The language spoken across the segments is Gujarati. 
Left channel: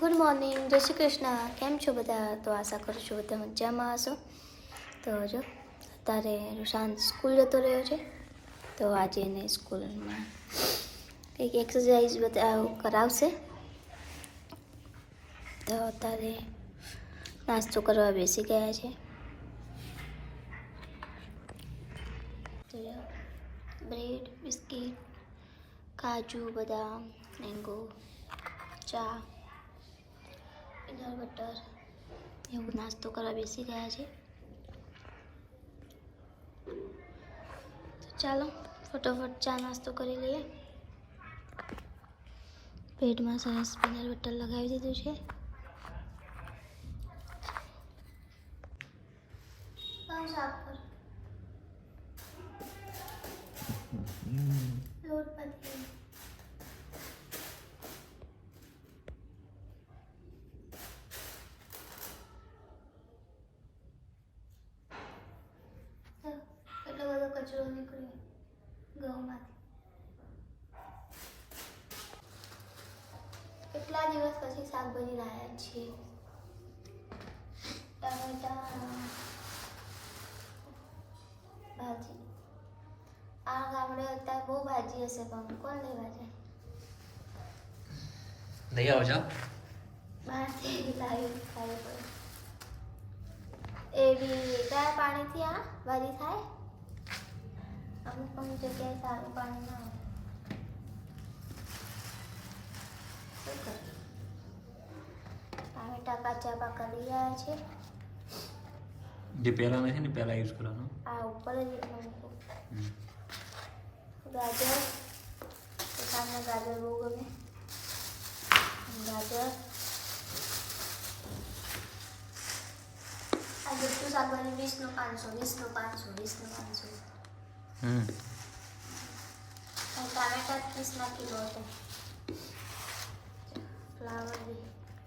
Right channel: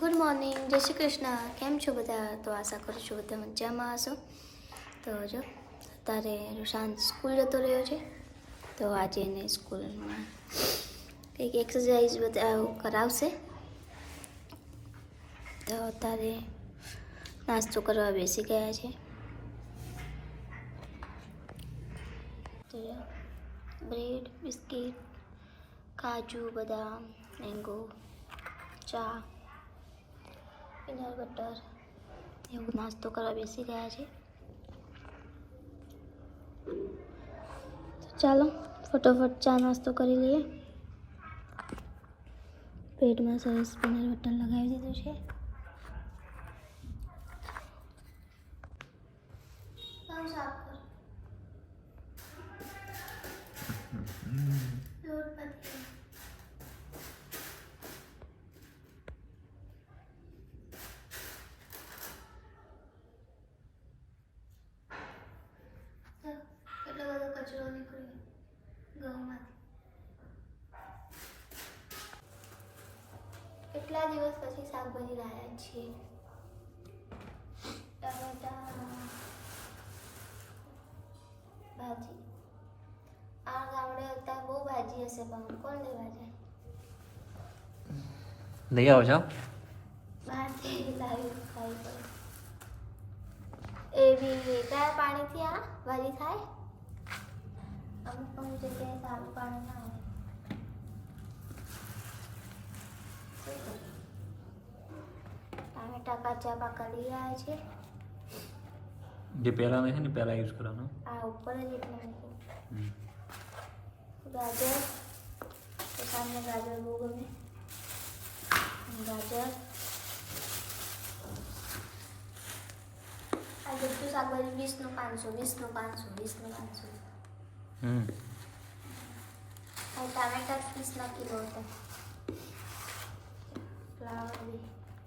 Good morning. જય શ્રી કૃષ્ણ. કેમ છો બધા? તો આશા કરું છું બધા મજામાં હશો. તો જો, અત્યારે રૂશાંત સ્કૂલ જતો રહ્યો છે. તો આજે એને સ્કૂલમાં કંઈક એક્સરસાઇઝ બધા કરાવશે. તો અત્યારે નાસ્તો કરવા બેસી ગયા છે. બ્રેડ, બિસ્કિટ, કાજુ, બદામ મેંગો ચા પીનટ બટર એવું નાસ્તો કરવા બેસી ગયા છે. ચાલો, ફટોફટ ચા નાસ્તો કરી લઈએ. પેટમાં સરસ પીનટ બટર લગાવી દીધું છે. સાફ કર લોટ પતી ચાલો, એટલો બધો કચરો નીકળ્યો ઘઉંમાંથી. કેટલા દિવસ પછી શાકભાજી લાવ્યા છે ટમેટા ભાજી. આ ગામડે અત્યારે બહુ ભાજી હશે પણ કોણ લેવા જાય? લઈ આવો છો? બહારથી લાવી ખાવી પડે. એવી કયા પાણીથી આ ભાજી થાય? અમુક અમુક જગ્યાએ સારું પાણી ના આવે શું કરીએ ટામેટા કાચા પાકા લઈ આવ્યા છે જે પહેલા નથી ને પહેલા યુઝ કરવાનો. આ ઉપર જ એટલું મૂકું. ગાજર. તમને ગાજર બહુ ગમે. ગાજર. આ બધું શાકભાજી વીસનું પાંચસો વીસનું પાંચસો વીસનું પાંચસો. હમ. ટામેટા ત્રીસના કિલો હતા ફ્લાવર બી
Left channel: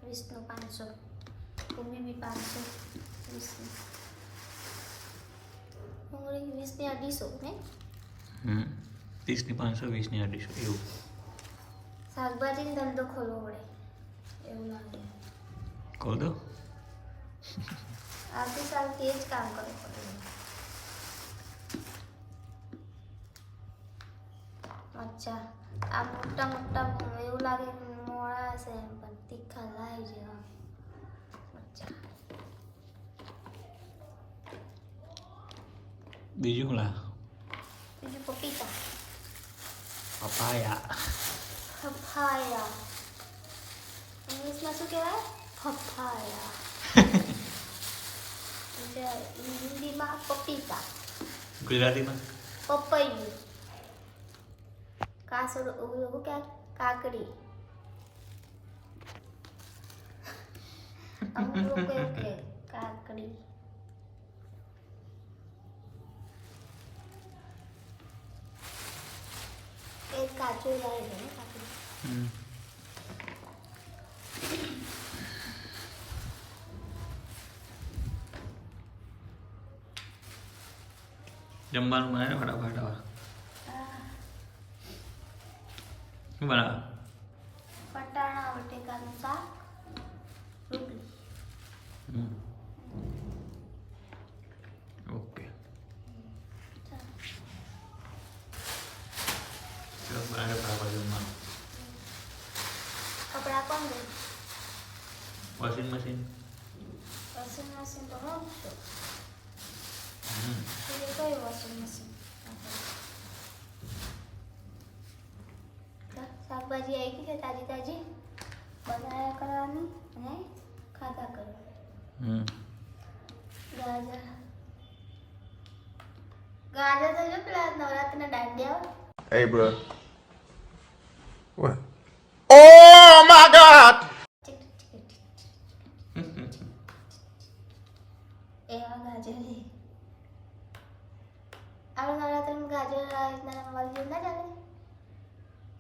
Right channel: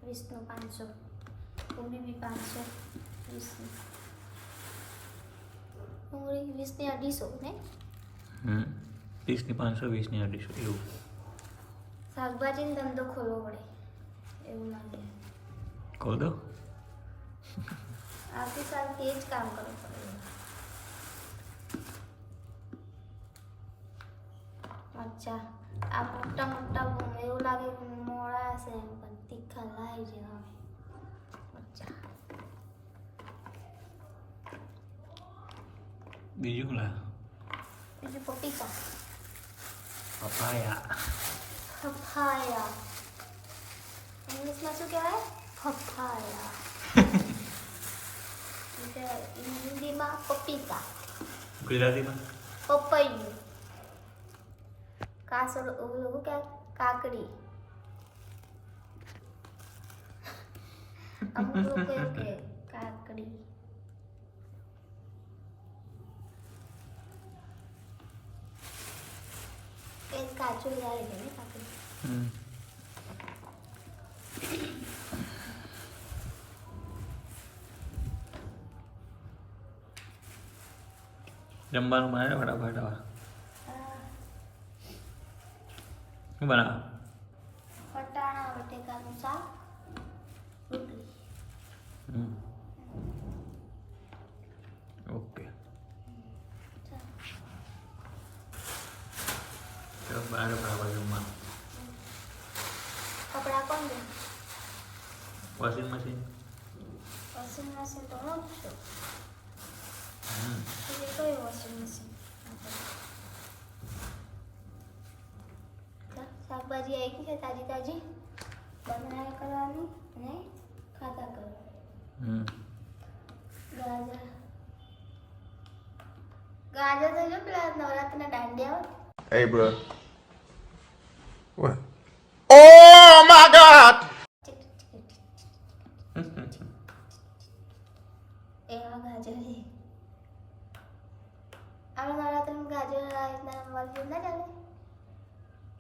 વીસનું પાંચસો. કોબી બી પાંચસો વીસનું. ડુંગળી વીસની અઢીસો ને? હમ. ત્રીસની પાંચસો વીસની અઢીસો એવું. શાકભાજીનો ધંધો ખોલવો પડે. એવું લાગે કહો દો. આવતી સાલ એ જ કામ કરવું પડે. અચ્છા આ મોટા મોટા એવું લાગે કે મોળા છે પણ તીખા લાવી જેવા બીજું લા બીજું પપીતા. પપાયા. પપાયા. ઇંગ્લિશમાં શું કહેવાય? પપાયા. હિન્દીમાં પપીતા. ગુજરાતીમાં? પપૈયું. કાસર શું કહેવાય કાકડી? અમુક લોકો એવું કે કાકડી. એક કાચો જાય છે ને કાકડી. હમ. જમવાનું બનાવે ફટાફટ હવે શું બનાવે? વટાણા બટેકાનું શાક રોટલી. ઓકે. ચાલો. બનાવે ફટાફટ જમવાનું. કપડા કોણ દે વોશિંગ મશીન? વોશિંગ મશીન તો એટલે કયું વોશિંગ મશીન? શાકભાજી આવી ગઈ છે તાજી તાજી બનાવ્યા કરવાની અને ખાધા કરવાની હમ ગાજર ગાજર તો જો પેલા નવરાત્રિના દાંડિયા હોય Hey, bro. What? Oh my God! ટીક ટીક ટીક ટીક. એવા ગાજર છે આપણે નવરાત્રિમાં ગાજર આ રીતના રમવા જેવું ના ચાલે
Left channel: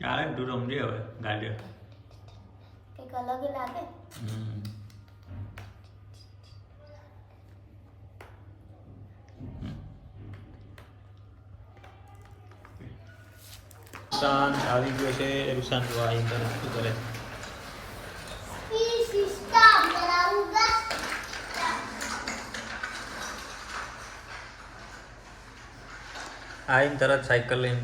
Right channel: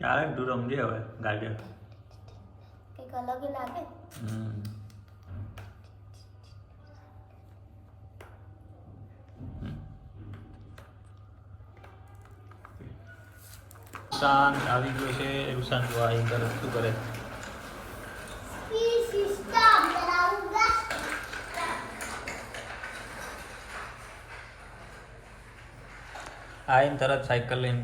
આવે તું રમજે હવે ગાજે કંઈક અલગ લાગે? શાંત આવી ગયો છે રૂસાન જો આ ઇન્ટર શું કરે? આઈને તરત સાયકલ લઈને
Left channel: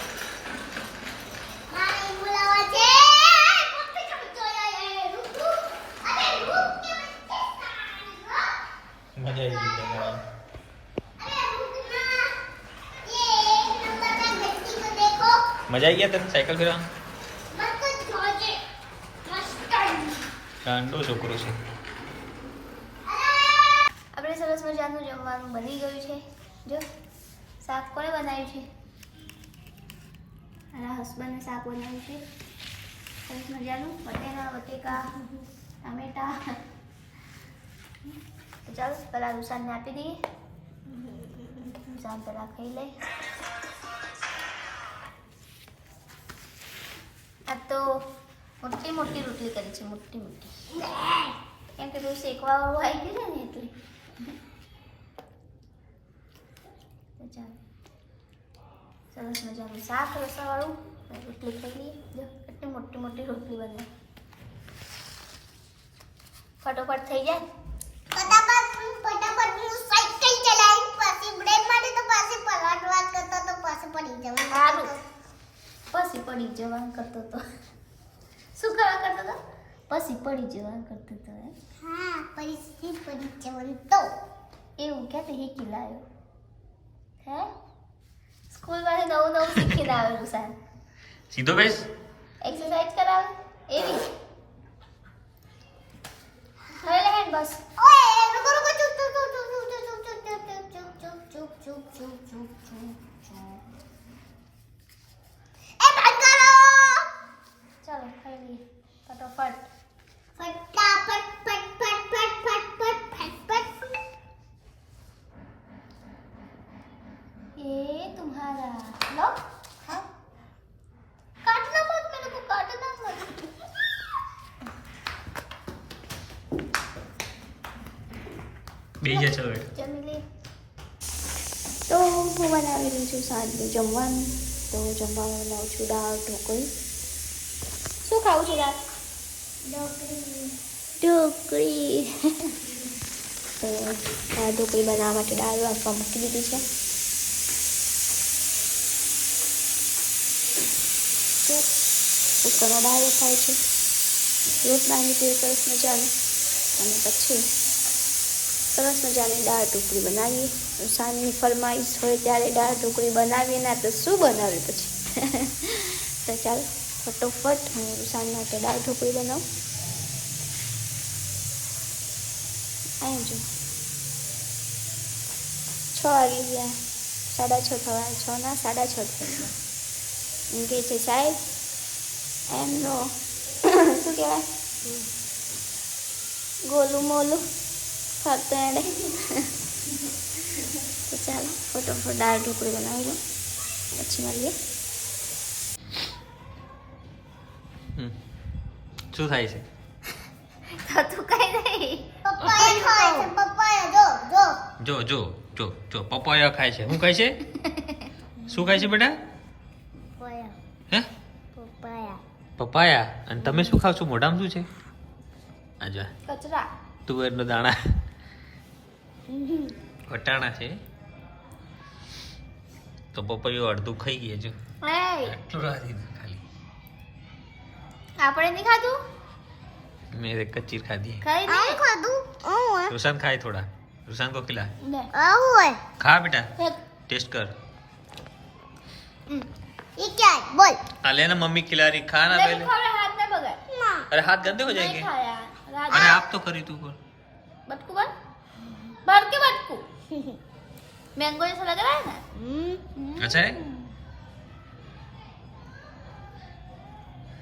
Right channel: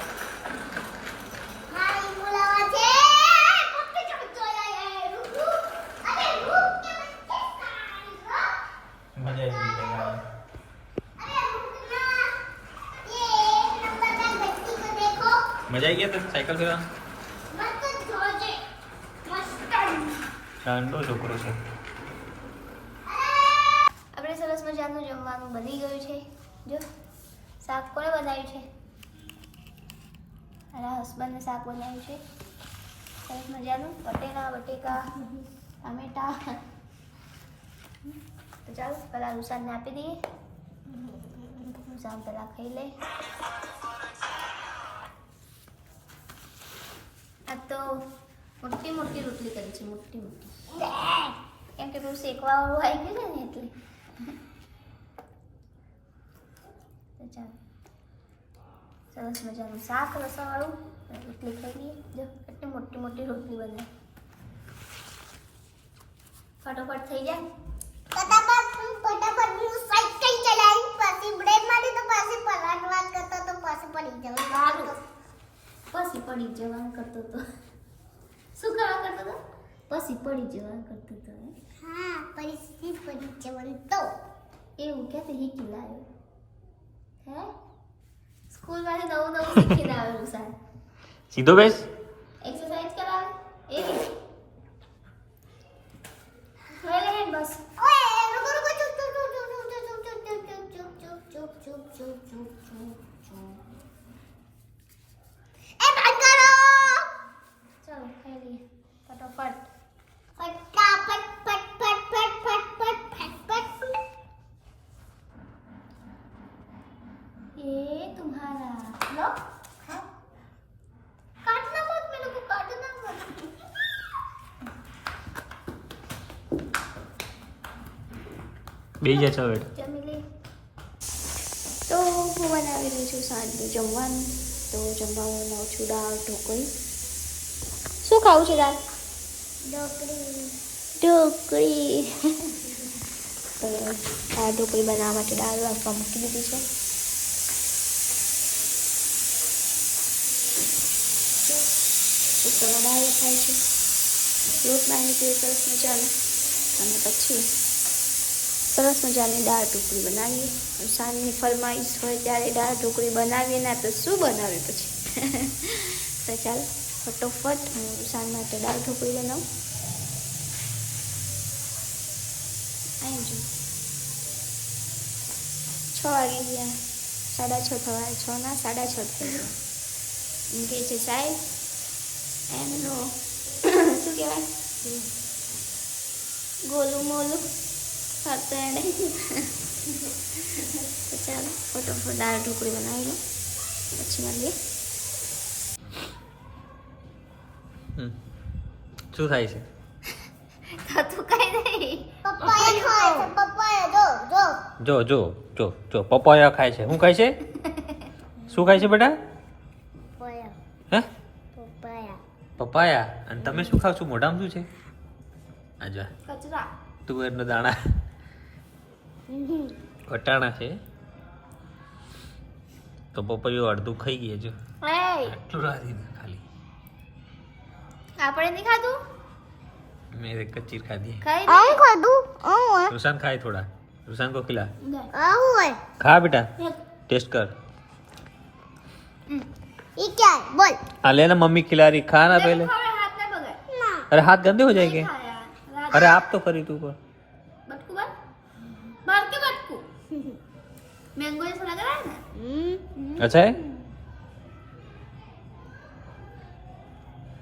મજા આવી ગયા સાયકલ ફેરવા ઠંડો છોકરો છે. આપણે સરસ મજાનું જમવાનું બની ગયું છે. જો, શાક કોણે બનાવ્યું છે? મારા હસબન્ડને શાક બનાવ્યું છે. સરસ મજાનું બટેકા બટેકા, ટામેટા. તો ચાલો, પહેલાં રૂસાનને આપી દઈએ. રૂસાન પહેલાં ખાઈ લઈ આ તો મોટી મોટી રોટલી કરી છે મોટી મોટી. કેમ કે બહુ શેકવા આવી ગયું ને એટલે. સરસ મજાનું શાક રસાવાળું. રોટલી ખાઈ લઈએ. જો કેટલી મોટી મોટી રોટલી બને. ફટોફટ થઈ જાય. ફટાફટ ફટાફટ હું સાયકલ ચલાવી પછી બ્રેક મારી તો પાછી પલટવા કરતા તો પાછી પડી જવું. સારું. પછી પડી જવાનું કરતો તો શું કરવા કરતો તો પછી પડી જવાનું કરતો તો હા પછી પડી જવું તો એવું ક્યાંથી શીખી લાવ્યો હે સ્કૂલમાંથી નવું નવું શીખીને આવેલું સાહેબ સીધો બેસ એક્સરસાઇઝ કરાવે એવી હવે લે હેડ બસ ઓય રૂકો રૂકો ચૂપ ચૂપ ચૂપ ચૂપ ચૂપ ચૂપ ચૂપ ચૂપ ચૂપ ચૂપ ચૂપ ચૂપ ચૂપ ચૂપ ચાલો ખાઈ લઈએ ફટાફટ ફટાફટ ફટ ફટ ફટ ફટ ફટ ફટ फट ये तुम्हारा लो काटना मत मेरे को काटना मत બીજા છો બેટા જમી લે તો હું બનાવી રહી છું સાંજનું જમવાનું તો જમવામાં બનાવું છું દાળ ઢોકળી ખાવું છે દાળ ઢોકળી દાળ ઢોકળી બનાવવા માટે દાળ વાપવા મૂકી દીધી છે. ઉપર દાળ થાય છે. લોટ બાંધી તે સરસ મજાનો. અને પછી સરસ મજાની દાળ ઢોકળી બનાવીએ. સાંજની ફરમાઈશ હોય ત્યારે દાળ ઢોકળી બનાવીએ ના તો શું બનાવીએ પછી? તો ચાલો. ફટોફટ હું સાંજ માટે દાળ ઢોકળી બનાવું. અહીં જો. છ વાગી ગયા. સાડા છ થવા છ ના, સાડા છ થઈ ગયા. એમ કે છે, સાહેબ એમનો શું કહેવાય? ગોલું મોલું. ફરતો એડે તો ચાલો, ફટોફટ દાળ ઢોકળી બનાવી લો પછી મળીએ હમ. શું થાય છે? તો તું કઈ નહીં. ખાય છે જો જો. જો જો જો જો. પપૈયા ખાય છે. શું ખાય છે? શું ખાય છે બેટા? પપ્પાયા. હે? પપ્પાયા. પપાયા અને તમે શું ખાવ છો? મોઢામાં શું છે? આજા. કચરા. તુવેરનો દાણા. વટાણા છે. તો પપૈયું અડધું ખાઈ ગયા જો આટલું રાધી ખાલી. આપણે નહીં ખાધું મેં એક કચ્ચી ખાધી ખાઈ આવું નહીં ખાધું આવું रुसान खाए थोड़ा रुसान को खिला આવું હોય खा बेटा टेस्ट कर ये क्या है बोल हाँ लेना मम्मी खिला रही खा ना पहले હાથ ના બગાડ ना अरे हाथ गंदे हो जाएंगे अरे आप तो करी तू कर बटकू बन भर के बटकू मैंगो जैसा लग रहा है ना अच्छा है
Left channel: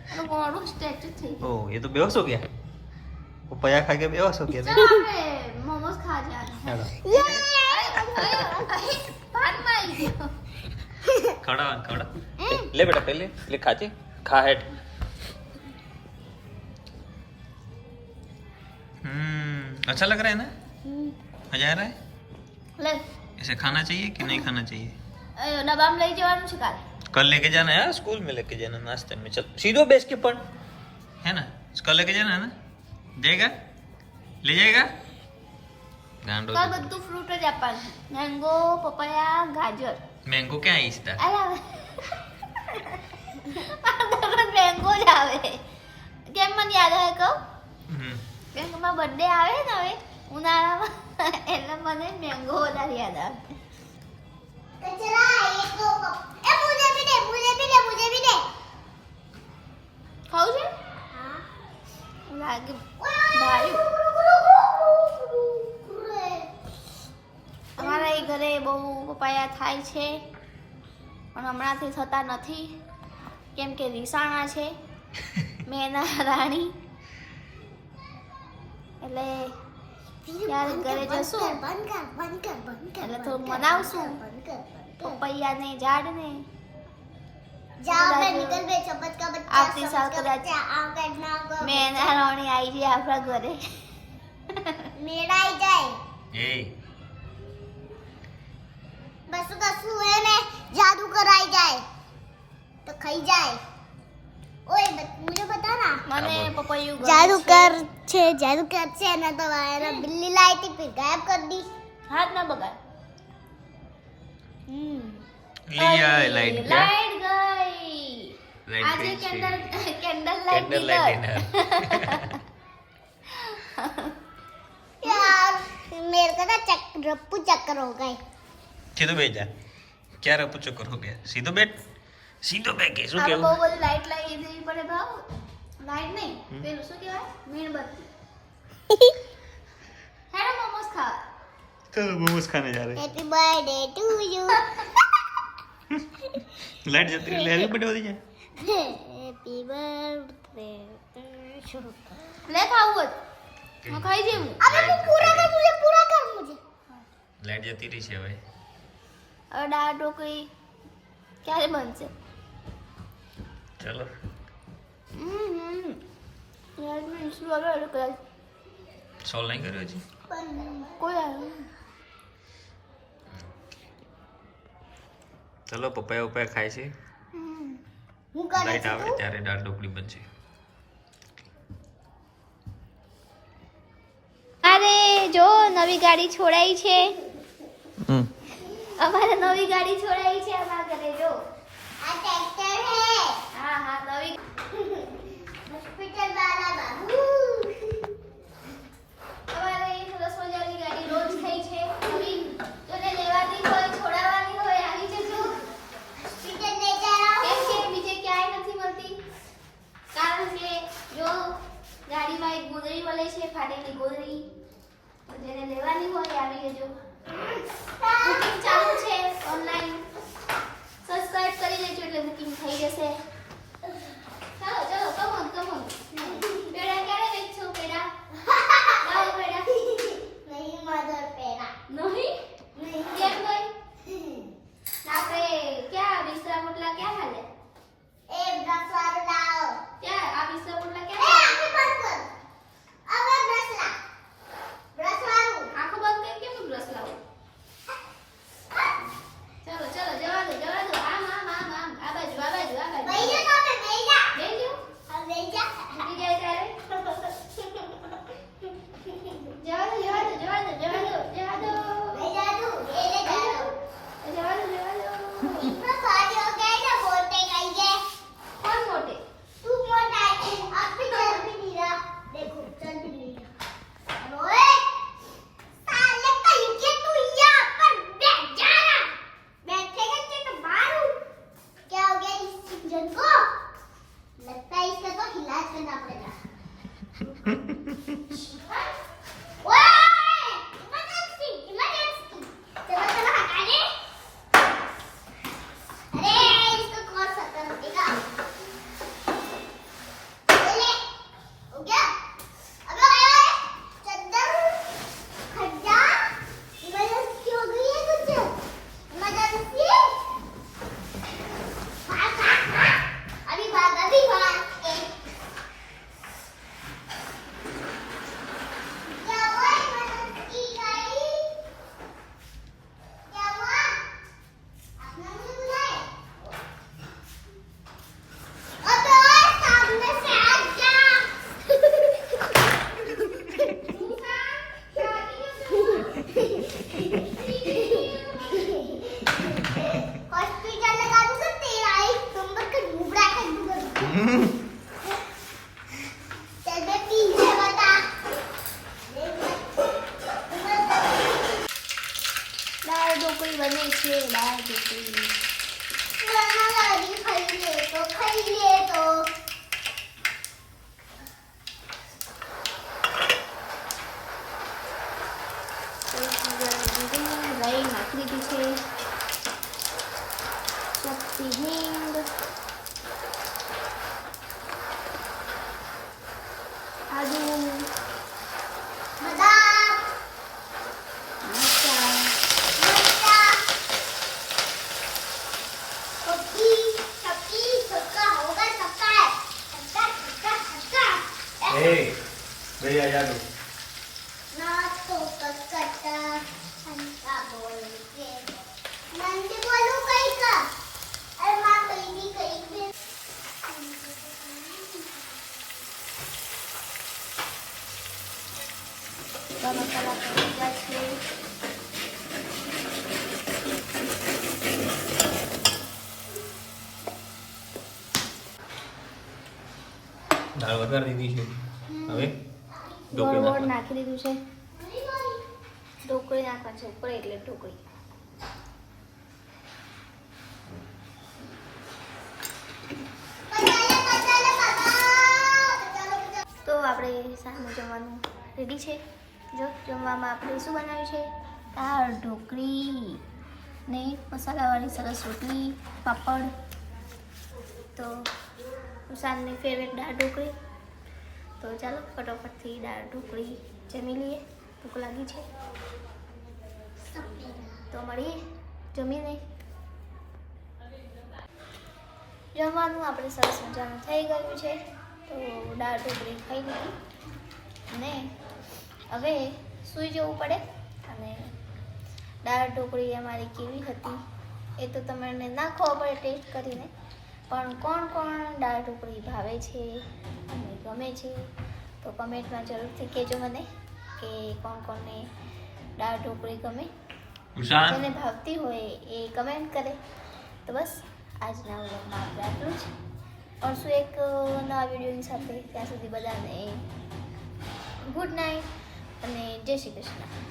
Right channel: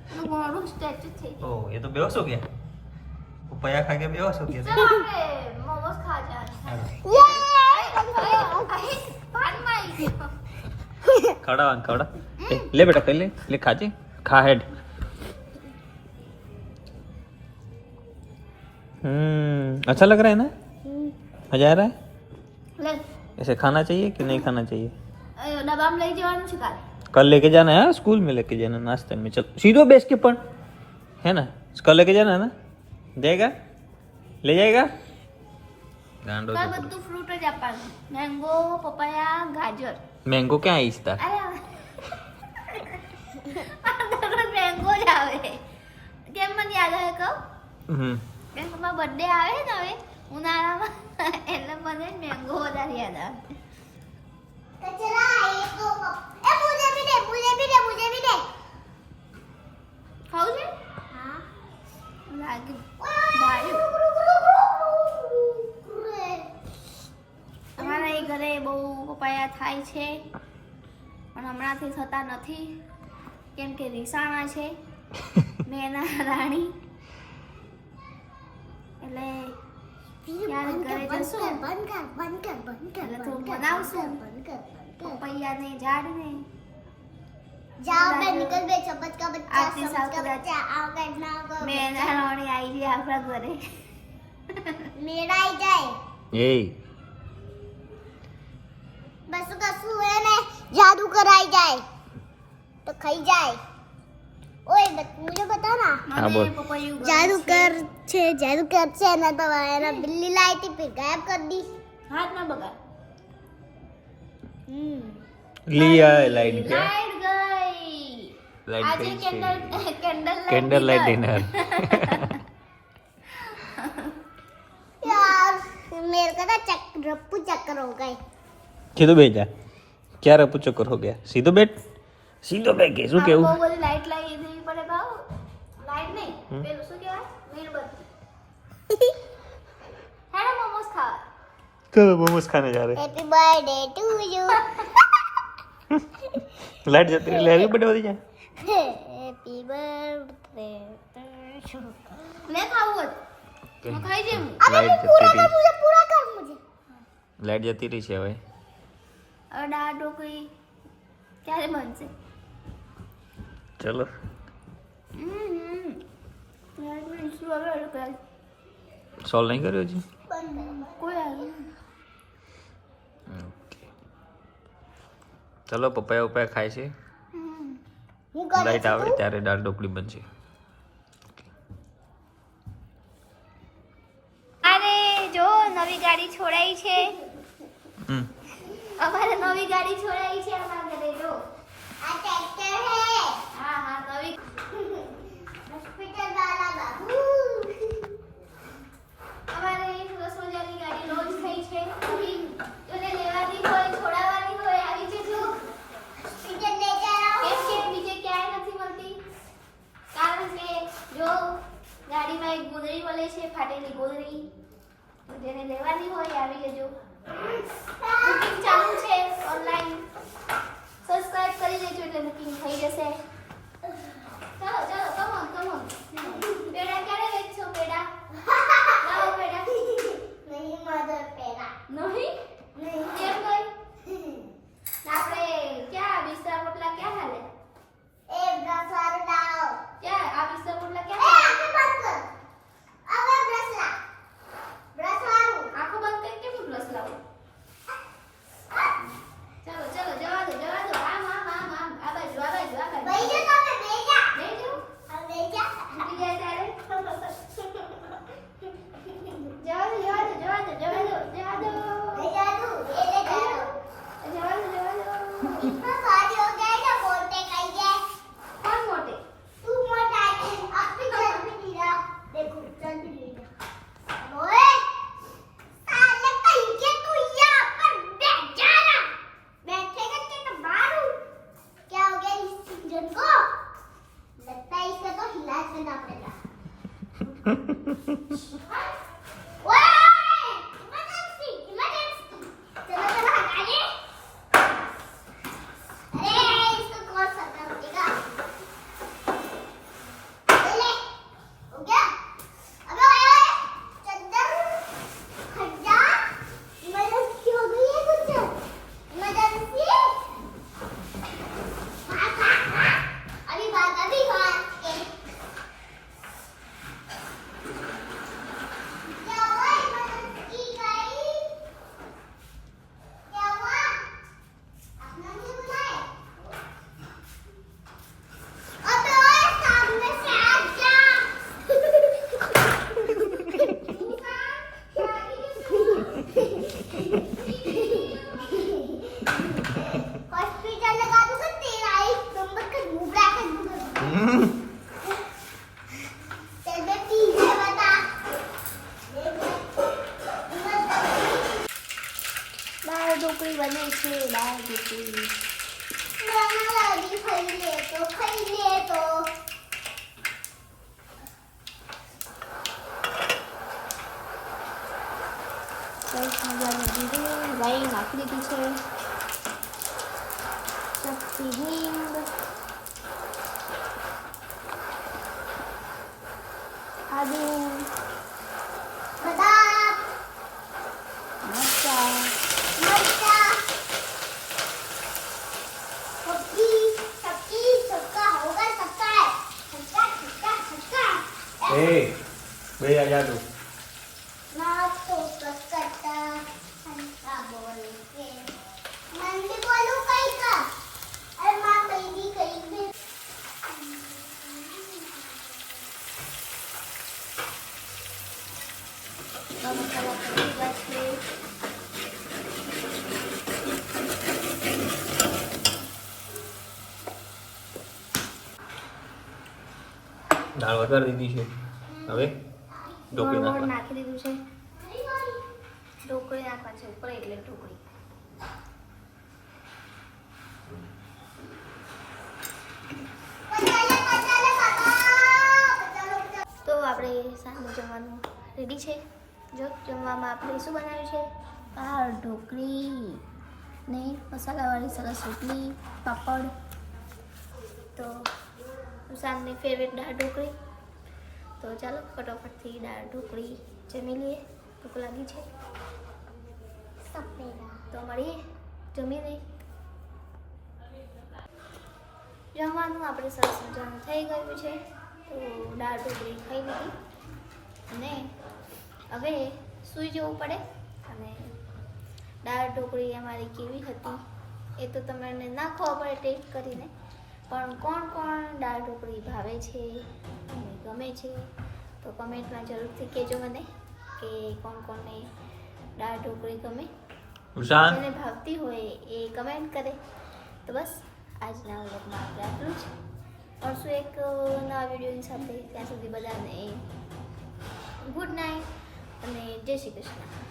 ओ ये तो बेहोश हो गया। वो पया खा के बेहोश हो गया। चलो खड़ा खड़ा। ले बेटा पहले ले। खा जी। खा हेड हम्म अच्छा लग रहा है ना? मज़ा आ रहा है? ऐसे खाना चाहिए कि नहीं खाना चाहिए? नवाब नहीं जवान शिकार कल लेके जाना है हाँ स्कूल में लेके जाना नाश्ते में चल सीधो बेच के पढ़ है ना कल लेके जाना है ना जाएगा ले जाएगा गांडो કાલ બધું ફ્રૂટ જ આપવાનું મેંગો પપૈયા ગાજર मैंगो क्या है इसका અરે દરરોજ મેંગો જ આવે કેમ મને યાદ આવે કહું हम्म કેમ કે મારો બર્થડે આવે ને હવે ઉનાળામાં એટલે મને મેંગો વધારે યાદ આવે અમારા એ ઘરે બહુ પપાયા થાય છે પણ હમણાંથી થતા નથી. કેમ કે રીસાણા છે મેના રાણી. એટલે યાર ઘરે જશું બંધ કર બંધ કર બંધ કર એટલે થોડું મનાવશું પપૈયાને ઝાડને જાઓ બે નિકલ બે ચપત બચ્ચા આપની સાલ કદાચ આવ બેટ ના કો મે ના રોણી આઈ જાય આપણા ઘરે મેરા આઈ જાય એ બસ કશું એને જાદુ કરાઈ જાય તો ખાઈ જાય जादू कर छे जादू कर छे ना तो आया ना बिल्ली लाई थी फिर गायब कर दी। हाथ ना बगा હમ हम्म। हाँ, लाइट क्या? लाइट गई। लाइट ये गई छे। Candle candle light candle light dinner. यार मेरे का ना चक रप्पू चक्कर हो गए। सीधो बेटा क्या रपू चक्कर हो गया? सीधो बेट? सीधो बैठ हाँ, के શું કેવું चलो मोमोज खाने जा रहे happy birthday to you light जाती है हैप्पी बर्थडे होती है हैप्पी बर्थडे टू मैं खाऊँगा मैं खाई जाऊँ? अबे मैं पूरा कर मुझे पूरा कर मुझे। લાઈટ જતી રહી છે હવે હવે દાળ ઢોકળી ક્યારે બનશે ચલો હમ હમ લાઈટ બનશું હવે કલાક સોલ્વ નહીં કર્યો હજી. ચલો પપૈયા ઉપયા ખાય છે. લાઈટ આવે ત્યારે દાળ ઢોકળી બનશે. અરે જો નવી ગાડી છોડાઈ છે. હમ. અમારે નવી ગાડી છોડાઈ Vem pra. સરસ મજાની દીધી રાઈ નાખી દીધી છે વઘારી દીધી છે. હવે ઢોકળી નાખી દીધું છે. ઢોકળી નાખવાની છે એટલે ઢોકળી. તો આપણે સામે જમવાનું રેડી છે. જો જમવામાં આપણે શું બનાવ્યું છે? દાળ ઢોકળી ને મસાલાવાળી સરસ રોટલી પાપડ. તો સાંજની ફેવરેટ દાળ ઢોકળી. તો ચાલો ફટોફટથી દાળ ઢોકળી જમી લઈએ. ભૂખ લાગી છે? તો મળીએ જમીને. જમવાનું આપણે સરસ મજાનું થઈ ગયું છે. તો દાળ ઢોકળી ખાઈ લીધી. અને હવે સૂઈ જવું પડે. અને દાળ ઢોકળી અમારી કેવી હતી એ તો તમને નાખવા પડે ટેસ્ટ કરીને. પણ કોણ કોણ દાળ ઢોકળી ભાવે છે અને ગમે છે તો કમેન્ટમાં જરૂરથી કહેજો મને કે કોણ કોણને દાળ ઢોકળી ગમે. જેને ભાવતી હોય એ કમેન્ટ કરે. તો બસ આજના વ્લોગમાં આપણે આટલું જ. પરશું એક નવા વિડીયોની સાથે. ત્યાં સુધી બધાને ગુડ નાઇટ અને જય શ્રી કૃષ્ણ.